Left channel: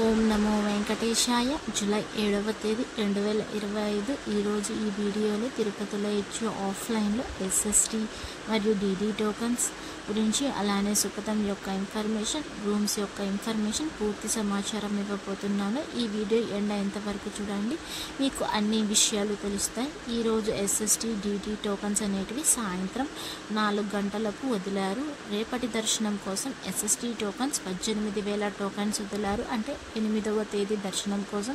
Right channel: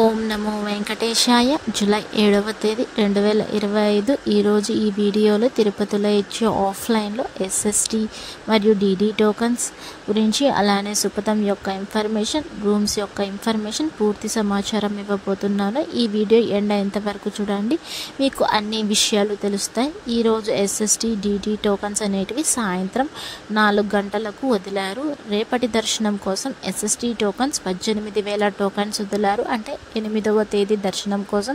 ఓం నమో వెంకటేశాయ. July 7వ తేదీ 2025. ఈరోజు ఈ వీడియోలో తిరుపతిలో ఇచ్చే ఆఫ్లైన్లో ఎస్ఎస్టీ మరియు డీడీ టోకన్స్ గురించి, అలానే సుపథం యొక్క ఇన్ఫర్మేషన్, రూమ్స్ యొక్క ఇన్ఫర్మేషన్, పూర్తి సమాచారం ఇవ్వబోతున్నాను. ఈ వీడియో ఎండ్ అయ్యేంత వరకు చూడండి, మీకు అన్ని విషయాలు తెలుస్తాయి. ఈరోజు ఎస్ఎస్టీ డీడీ టోకన్స్ అనేటివి సాయంత్రం 4 గంటలకు వదిలారు. రేపటి దర్శనం కోసం ఎస్ఎస్టీ టోకన్స్ 18,000 టోకన్స్ వదిలారు. అంటే 8వ తేదీ దర్శనం కోసం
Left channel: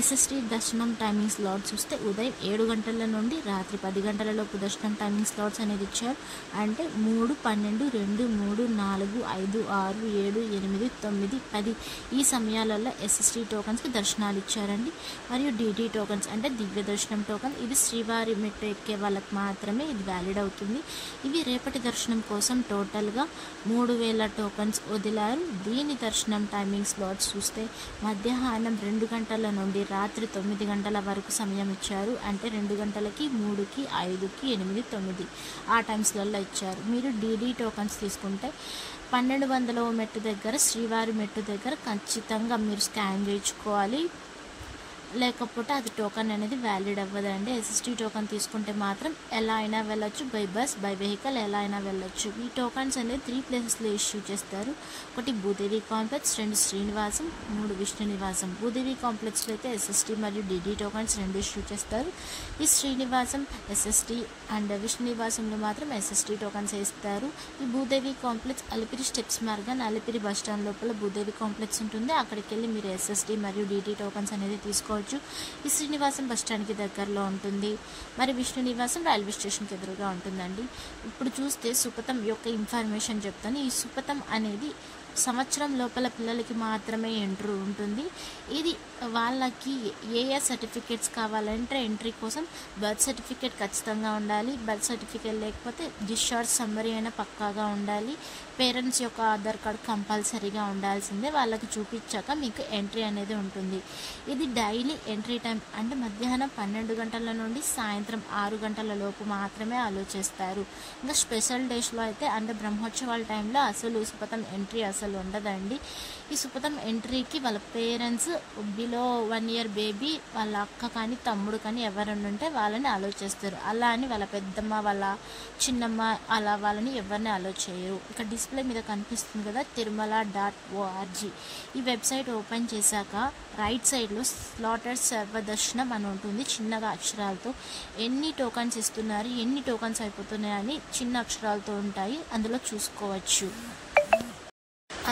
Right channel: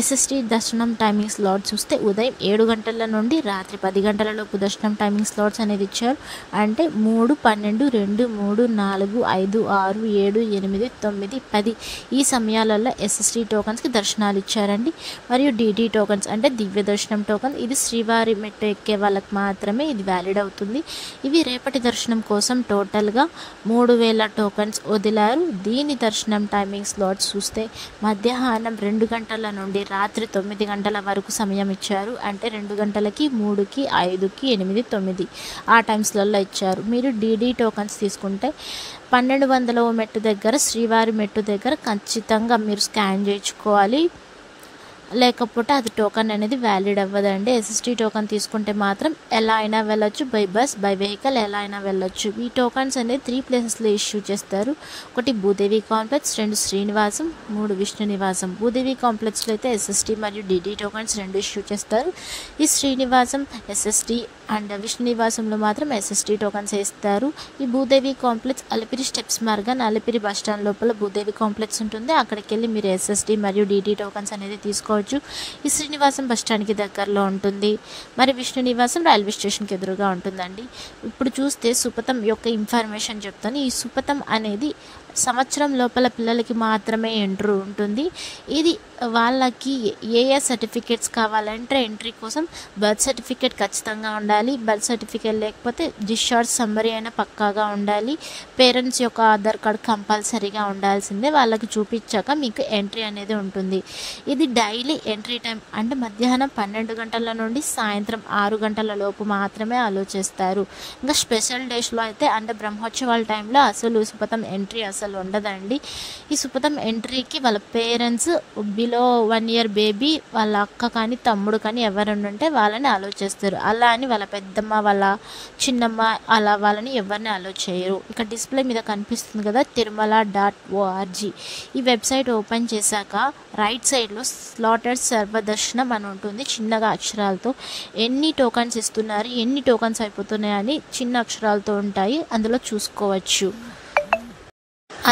ఎస్ఎస్టీ దర్శనం టైమింగ్ స్లాట్ చూస్తే ఉదయం 7 గంటల నుండి రాత్రి 10 గంటల లోపు దర్శనం టైమింగ్ స్లాట్స్ అనేది ఇచ్చారు. అంటే 3, 12, 2, 3, 4, 5, 6, 7, 8, 9, 10 ఈ సమయాలలో ఎస్ఎస్టీ టోకన్స్కి దర్శనాలు ఇచ్చారండి. మరియు డీడీ టోకన్స్ అంటే దివ్య దర్శనం టోకన్, ఇది శ్రీవారి మెట్టు ఎక్కే వాళ్ళకి మాత్రమే ఇది వ్యాలిడ్ అవుతుంది. ఇవి రేపటి దర్శనం కోసం టోటల్గా 3,000 టోకన్స్ వదిలారు. దీని దర్శనం టైమింగ్ స్లాట్స్ చూస్తే మధ్యాహ్నం 2 గంటల నుండి రాత్రి 9 గంటల వరకు సమయం ఇచ్చారు. అంటే 2 గంటలకి, 3కి, 5కి, 8, 9 ఆ టైమ్స్లలో ఇచ్చారు. మీరు డీడీ టోకన్స్ తీసుకుంటే 1200వ మెట్టు దగ్గర, శ్రీవారి మెట్టు దగ్గర ఖచ్చితంగా మీరు స్కాన్ చేయించుకోవాలి, లేకపోతే అది టోకన్ అనేది వ్యాలిడ్ అవ్వదండి. ఎస్ఎస్టీ టోకన్ తీసుకుంటే మాత్రం ఎలా అయినా వెళ్ళొచ్చు, బై బస్, బై వెహికల్ ఎలా అయినా వెళ్ళొచ్చు. ఈ టోకన్స్ అనేది 3 ప్లేసెస్లో ఇష్యూ చేస్తారు. ఒకటి భూదేవి కాంప్లెక్స్, 2 శ్రీనివాసం, 3 విష్ణు నివాసం. భూదేవి కాంప్లెక్స్లో అయితే ఎస్ఎస్టీ మరియు డీడీ టోకన్స్ 2 ఇష్యూ చేస్తారు. ఈ శ్రీనివాసం ఎస్ఎస్టీ అండ్ విష్ణు నివాసంలో మాత్రం ఎస్ఎస్టీ టోకన్స్ వేస్తారు. ఈ Bhudevi complex Alipiri steps Morgan Alipiri bus stand లోపల భూదేవి కాంప్లెక్స్ ఉంటుంది. అక్కడికి వెళ్ళి మీరు ఎస్ఎస్టీ మరియు డీడీ టోకన్స్ అనేది తీసుకోవచ్చు. ఈ శ్రీనివాసం బస్ స్టాండ్కి దగ్గరలో ఉంటుంది. మరి విష్ణు నివాసం రైల్వే స్టేషన్కి ఎదురుగా ఉంటుందండి. ఇప్పుడు చూస్తే సుపథం యొక్క ఇన్ఫర్మేషన్ చెప్తాను. ఈ సుపథం అనేది సంవత్సరం లోపల పిల్లలకి మాత్రమే ఎంట్రీ ఉంటుంది. ఇది వాళ్ళకి ఏ సర్టిఫికేట్స్ కావాలంటే ఎంట్రీ కోసం బర్త్ సర్టిఫికేట్ ఖచ్చితంగా ఉండాలి. బర్త్ సర్టిఫికేట్ లేకపోతే డిశ్చార్జ్ సమ్మరీ అయినా పక్కాగా ఉండాలి. పేరెంట్స్ యొక్క ఆధార్ కార్డ్ కంపల్సరీగా ఉండాల్సిందే. వాళ్ళకి చూపించాక మీకు ఎంట్రీ అనేది ఉంటుంది. ఇది డైలీ ఎంట్రీ టైం అంటే మధ్యాహ్నం 12 గంటల నుండి సాయంత్రం 6 గంటల లోపు మాత్రమే అలో చేస్తారు. ఇంకా స్పెషల్ డేస్లో అయితే అంటే బ్రహ్మోత్సవాల టైంలో అసలు సుపథం ఎంట్రీ అసలు ఉండదండి. ఈ సుపథం ఎంట్రీకి వాళ్ళ పేరెంట్స్, బిలో 1 year బేబీ, వాళ్ళ అక్క కానీ తమ్ముడు కానీ ఎవరైనా ఉంటే వాళ్ళని అలో చేస్తారు. అలా అని వాళ్ళ పెద్దమ్మ, వాళ్ళ చిన్నమ్మ అలా వాళ్ళని ఎవరిని అలో చేయరు. ఇక్కడ డిస్ప్లే మీద కనిపిస్తుంది కదా, tirumala.org. ఈ వెబ్సైట్ ఓపెన్ చేశాక రైట్ సైడ్లో స్లాటెడ్ సర్వదర్శనం అని ఉంటుంది. చిన్నగా అక్షరాలతో ఎన్ని టోకన్స్ ఇస్తున్నారు, ఎన్ని టోకన్స్ అయిపోతున్నాయి అని చిన్న అక్షరాలతో ఉంటాయి, అందులో చూసుకోవచ్చు.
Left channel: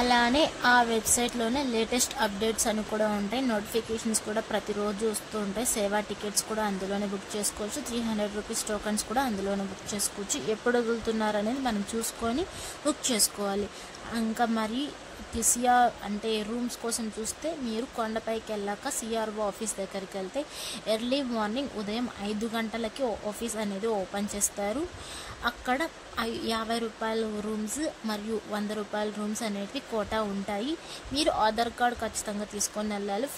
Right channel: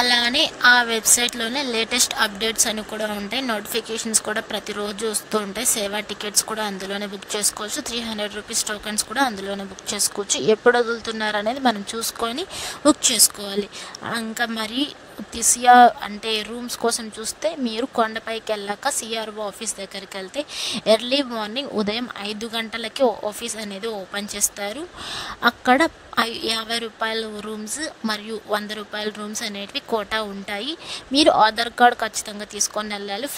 అలానే ఆ వెబ్సైట్లోనే లేటెస్ట్ అప్డేట్స్ అని కూడా ఉంటాయి. నోటిఫికేషన్స్ కూడా ప్రతిరోజు వస్తూ ఉంటాయి. సేవా టికెట్స్ కూడా అందులోనే బుక్ చేసుకోవచ్చు. 300 రూపీస్ టోకన్స్ కూడా అందులోనే బుక్ చేసుకోవచ్చు. ఎప్పుడు వదులుతున్నారు అనేది మనం చూసుకొని బుక్ చేసుకోవాలి. ఇంకా మరి సిఆర్ అంటే రూమ్స్ కోసం చూస్తే మీరు కొండపైకి వెళ్ళాక సిఆర్ఓ ఆఫీస్ దగ్గరికి వెళ్తే ఎర్లీ మార్నింగ్ ఉదయం 5 గంటలకి ఆఫీస్ అనేది ఓపెన్ చేస్తారు. అక్కడ 50 రూపాయల రూమ్స్ మరియు 100 రూపాయల రూమ్స్ అనేటివి కోటా ఉంటాయి. మీరు ఆధార్ కార్డ్ ఖచ్చితంగా తీసుకొని వెళ్ళాలి.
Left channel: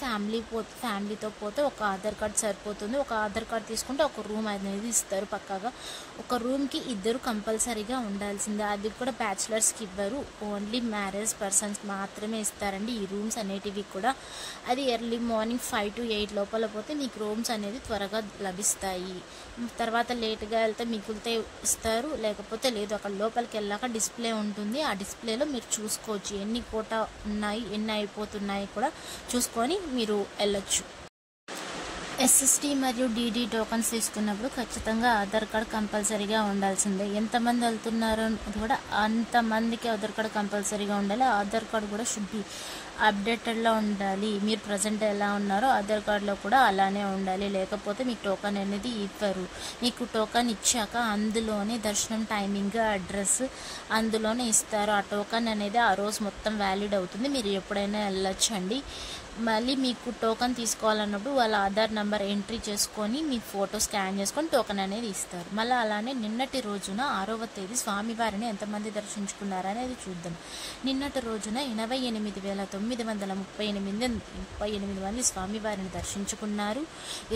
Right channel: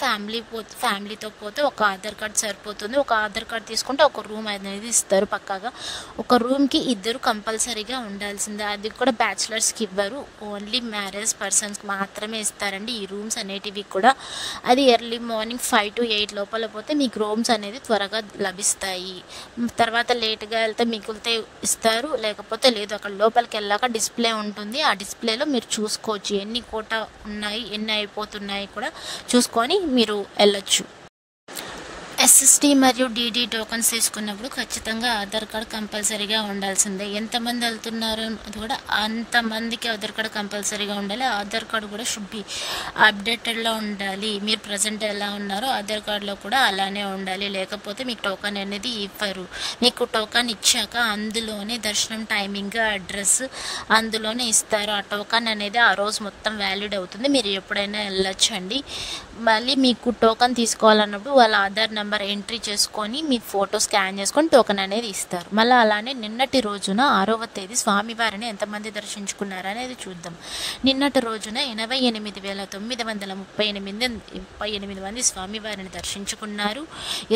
ఫ్యామిలీతో పోతే ఒక ఆధార్ కార్డ్ సరిపోతుంది. ఒక ఆధార్ కార్డ్ తీసుకుంటే ఒక రూమ్ అనేది ఇస్తారు పక్కాగా. ఒక రూమ్కి 2 కంపల్సరీగా ఉండాల్సిందే. అది కూడా బ్యాచిలర్స్కి ఇవ్వరు, ఓన్లీ మ్యారేజ్ పర్సన్స్ మాత్రమే ఇస్తారండి ఈ రూమ్స్ అనేటివి కూడా. అది ఎర్లీ మార్నింగ్ 5 to 8 లోపల పోతే మీకు రూమ్స్ అనేది త్వరగా లభిస్తాయి. తర్వాత లేట్గా వెళ్తే మిగిలితే ఇస్తారు, లేకపోతే లేదు. అక్కడ లోపలికి వెళ్ళాక డిస్ప్లే ఉంటుంది. ఆ డిస్ప్లేలో మీరు చూసుకోవచ్చు ఎన్ని కోటా ఉన్నాయి, ఎన్ని అయిపోతున్నాయి కూడా చూసుకొని మీరు వెళ్ళొచ్చు. ఎస్ఎస్టీ మరియు డీడీ టోకన్స్ తీసుకున్నప్పుడు ఖచ్చితంగా ఆధార్ కార్డ్ కంపల్సరీగా ఉండాల్సిందే. ఎంతమంది వెళ్తున్నారు అది కూడా అంతమందికి ఆధార్ కార్డ్ కంపల్సరీగా ఉండాలి. ఆధార్ కార్డ్ కూడా షుడ్ బి అప్డేటెడ్లో ఉండాలి. మీరు ప్రజెంట్ ఎలా ఉన్నారో ఆధార్ కార్డులో కూడా అలానే ఉండాలి, లేకపోతే మీకు టోకన్ అనేది ఇవ్వరు. మీకు టోకన్ ఇచ్చాక అందులోనే దర్శనం టైమింగ్, అడ్రస్ అందులోనే ఇస్తారు. ఆ టోకన్ అనేది ఆ రోజు మొత్తం వ్యాలిడ్ అవుతుంది. మీరు ఎప్పుడైనా వెళ్ళొచ్చండి. మళ్ళీ మీకు టోకన్ తీసుకోవాలన్నప్పుడు వాళ్ళ ఆధార్ నెంబర్ ఎంట్రీ చేసుకొని మీ ఫోటో స్కాన్ చేసుకొని టోకన్ అనేది ఇస్తారు. మళ్ళీ అలానే నిన్నటి రోజున 6వ తేదీ స్వామివారిని ఎంతమంది దర్శించుకున్నారనేది చూద్దాం. నిన్నటి రోజున 88,938 మంది స్వామివారిని దర్శించుకున్నారు.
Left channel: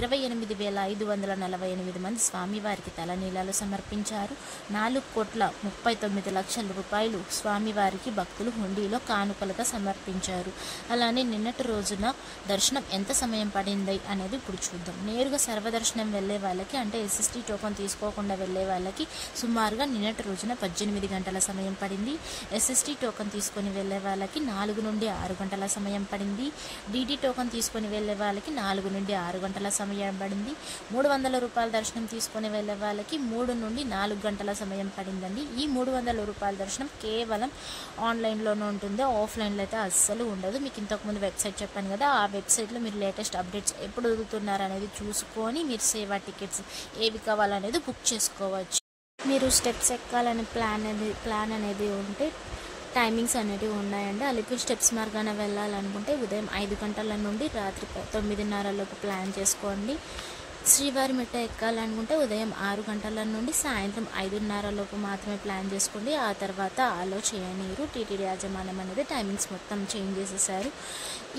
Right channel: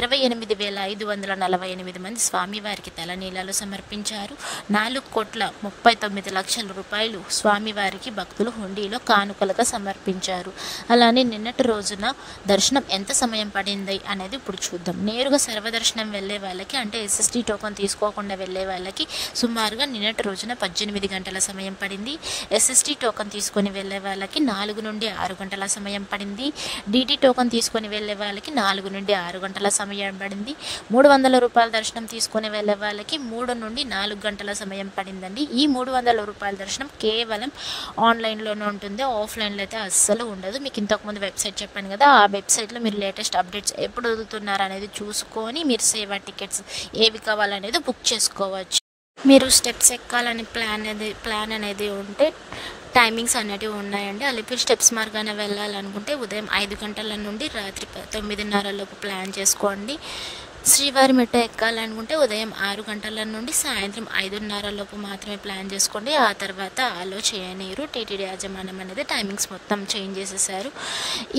28,548 మంది స్వామివారికి తలనీలాలు సమర్పించారు. 4,39,00,000 రూపాయలు స్వామివారికి భక్తులు హుండీలో కానుకలుగా సమర్పించారు. అలానే నిన్నటి రోజు రోజున దర్శనం ఎంత సమయం పడింది అనేది ఇప్పుడు చూద్దాం. నేరుగా సర్వదర్శనం వెళ్ళే వాళ్ళకి అంటే ఎస్ఎస్టీ టోకెన్ తీసుకోకుండా వెళ్ళే వాళ్ళకి సుమారుగా నిన్నటి రోజున 18 గంటల సమయం పడింది. ఎస్ఎస్టీ టోకెన్ తీసుకొని వెళ్ళే వాళ్ళకి 4 నుండి 6 గంటల సమయం పడింది. డీటీ టోకెన్ తీసుకొని వెళ్ళే వాళ్ళకి 4 నుండి 6 గంటల సమయం పడింది. 300 రూపాయల దర్శనం తీసుకొని వెళ్ళే వాళ్ళకి 3 నుండి 4 గంటల సమయం పడిందండి. ఈ 300 రూపాయల దర్శనం కేవలం ఆన్లైన్లోనే ఉంటుంది, ఆఫ్లైన్లో అయితే అస్సలు ఉండదు. మీకు ఇంతకుముందు వెబ్సైట్ చెప్పాను కదా, ఆ వెబ్సైట్లో మీరు లేటెస్ట్ అప్డేట్స్ ఎప్పుడు వదులుతున్నారు అనేది చూసుకొని మీరు సేవా టికెట్స్ ఏవి కావాలనేది బుక్ చేసుకోవచ్చు. మీరు స్టెప్స్ ఎక్కాలని ప్లాన్ అనేది ఉంటే టైమింగ్స్ అనేటివి ఉన్నాయండి. అలిపిరి స్టెప్స్ మార్గాన వెళ్ళాలనుకుంటే ఉదయం 5 గంటల నుండి రాత్రి 9:30 లోపు ప్లాన్ చేసుకోండి. శ్రీవారి మెట్ట ఎక్కాలనుకుంటే ఉదయం 6 గంటల నుండి సాయంత్రం 5:30 లోపు మాత్రమే ప్లాన్ చేసుకోండి. ఆ తర్వాత అలో చేయనీరు. టీటీడీ యాజమాన్యం అనేది టైమింగ్స్ మొత్తం చేంజ్ చేసేసారు.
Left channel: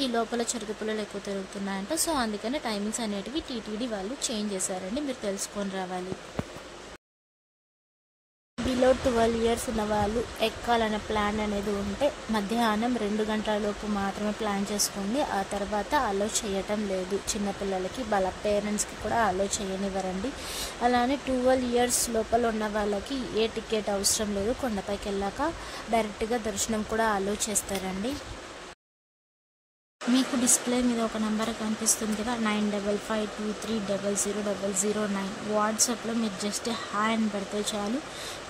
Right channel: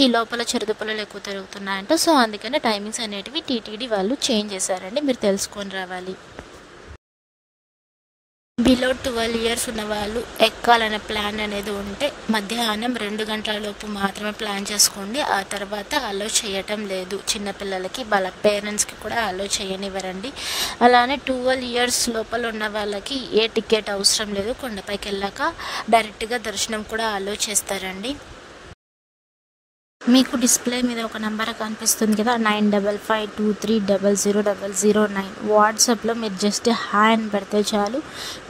ఈ లోపల చిరుతపుల్లలు ఎక్కువ తిరుగుతున్నాయంట, సో అందుకనే టైమింగ్స్ అనేటివి టీటీడీ వాళ్ళు చేంజ్ చేశారండి, మీరు తెలుసుకొని రావాలి. బిలో 12 ఇయర్స్ ఉన్న వాళ్ళు ఎక్కాలనే ప్లాన్ అనేది ఉంటే మధ్యాహ్నం 2 గంటల లోపు మాత్రమే ప్లాన్ చేసుకోండి. ఆ తర్వాత అలో చేయటం లేదు. చిన్నపిల్లలకి వాళ్ళ పేరెంట్స్కి కూడా అలో చేయనివ్వరండి. అలానే 12 ఇయర్స్ లోపల ఉన్న వాళ్ళకి ఏ టికెట్ అవసరం లేదు. కొండపైకి వెళ్ళాక డైరెక్ట్గా దర్శనం కూడా అలో చేస్తారండి. మీకు డిస్ప్లే మీద ఒక నెంబర్ కనిపిస్తుంది కదా, 9552300009. వాట్సాప్లో మీరు జస్ట్ హాయ్ అని పెడితే చాలు,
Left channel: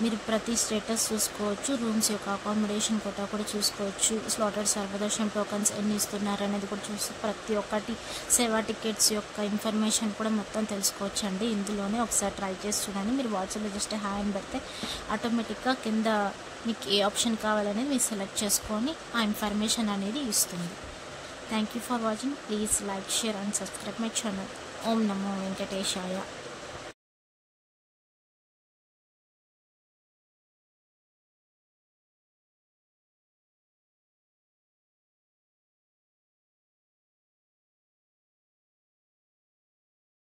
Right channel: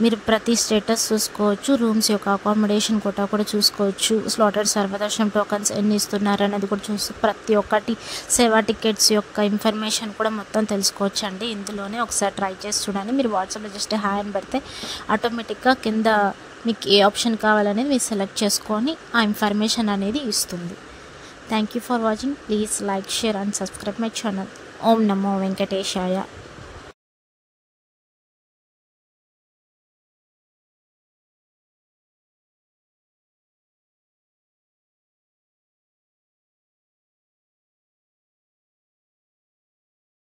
మీరు ప్రతి స్టేటస్ చూసుకోవచ్చు. రూమ్స్ యొక్క అకామిడేషన్ కోటా కూడా చూసుకోవచ్చు. స్లాటెడ్ సర్వదర్శనం టోకన్స్ ఎన్ని ఇస్తున్నారు అనేది కూడా చూసి ప్రతి ఒక్కటి సేవా టికెట్స్ యొక్క ఇన్ఫర్మేషన్ కూడా మొత్తం తెలుసుకోవచ్చు అండి. ఇందులోనే ఒకసారి ట్రై చేసి చూడండి. మీరు వాట్సాప్లో జస్ట్ హాయ్ అని పెడితే ఆటోమేటిక్గా కింద మీకు ఏ ఆప్షన్ కావాలనేది మీరు సెలెక్ట్ చేసుకొని ఆ ఇన్ఫర్మేషన్ అనేది ఇస్తుంది. Thank you for watching. Please like, share and subscribe my channel. Om Namo Venkateshaya.